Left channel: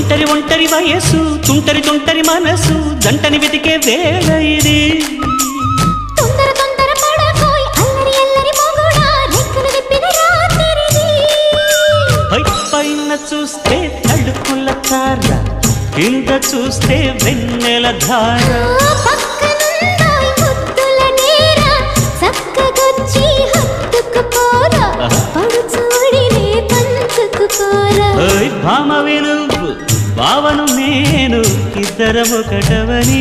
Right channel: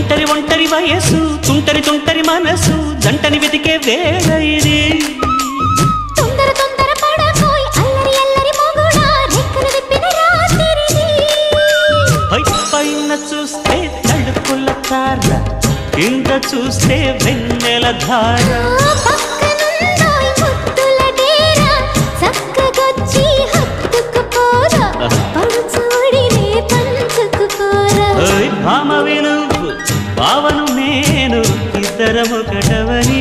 ఒంటరి ఒంటరి వయసు తుంటరి తుంటరి మనసు జంటని వెతికే వేళ ఇది తొందర తొందర పడకోయ్ అల్లరి అల్లరి మొగుడా రెక్కలు విప్పిన రాత్రిది పైన చూస్తే తళుకుల తార కింద చూస్తే వెన్నెల ధార పక్కనుందోయ్ ముద్దుల డేరా చక్కగొచ్చి హత్తుకుపోరా పడుచూడినే పంచుకుపోరా ఓయ్ భామవి నువ్వు భావను నేను ఇద్దరము ఒకటవని